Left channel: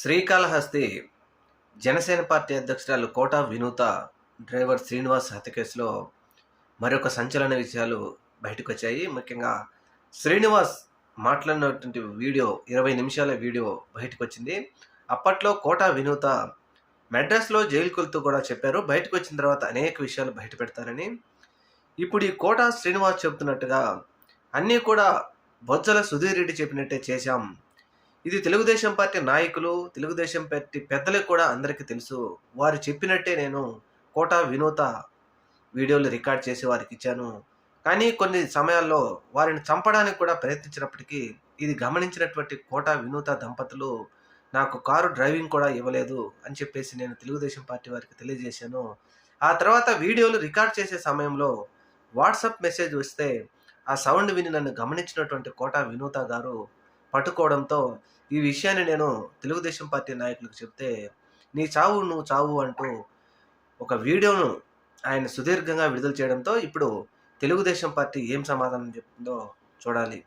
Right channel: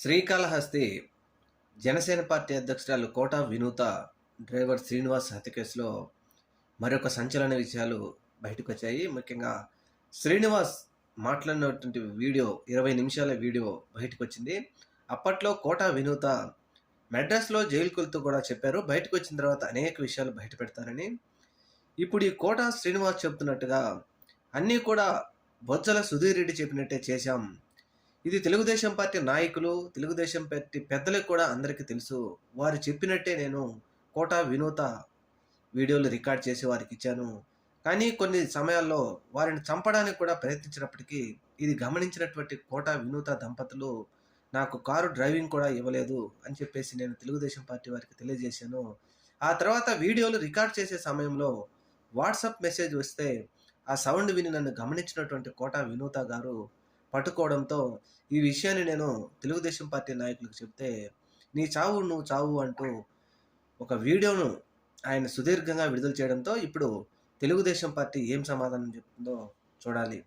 Srikalahasti Janasena party అధ్యక్షురాలు కోట వినూత driver Srinivas హత్య కేసులో మరొక సంచలన విషయాలు బయటకొచ్చాయి. ముఖ్యంగా శ్రీనివాస్ మాట్లాడినటువంటి వీడియో 20 నిమిషాల వీడియో బయటకొచ్చింది. అప్పట్లో కోట వినూత మెడ్రాస్లో జైలుకెళ్తూ కూడా చెప్పారు. బయటకొచ్చిన తర్వాత అనేక విషయాలు బయట పెడతారని. ఇప్పుడు ఈ కోట శ్రీనివాస్ చెబుతున్నట్టుగా అన్నీ కూడా బొజ్జల సుధీర్ రెడ్డి చెప్పినట్టే చేశాం. ఇది తెలుగుదేశం పార్టీ నాయకులు, తెలుగుదేశం పార్టీ పెద్దలకు కూడా అందరికీ తెలుసు. వారు చెప్పినట్టే నేను కోట వినూత వీడియోలు రికార్డ్ చేసి వారికి ఇచ్చాను. కానీ కొన్ని సమయాల్లో వారిని చంపడానికి కూడా ప్రయత్నించినప్పటికీ ఇది గమనించినటువంటి కోట వినూత దంపతులు నాకు కారు డ్రైవింగ్ కూడా ఇవ్వలేదు అని చెప్పేసి నేను తెలుగుదేశం పార్టీ వారికి తెలియజేశాను. ఆ తర్వాత వీడియోలు రికార్డ్ చేసే సమయంలో వాట్సాప్ మెసేజ్ వస్తే ఆ సౌండ్ విని నన్ను గమనించినటువంటి కోట వినూత గారు పట్టుకోవడంతో ఈ విషయాన్ని నేను తెలుగుదేశం పార్టీ నాయకులకు చెప్తే, నీ చావు నువ్వు చావు అంటూ ఒక వీడియోను ఆయన సుదీర్ఘంగా విడుదల చేయడంతో ఇప్పుడు తెలుగుదేశం పార్టీ ఏం సమాధానం చెప్తుందో చూడాలి.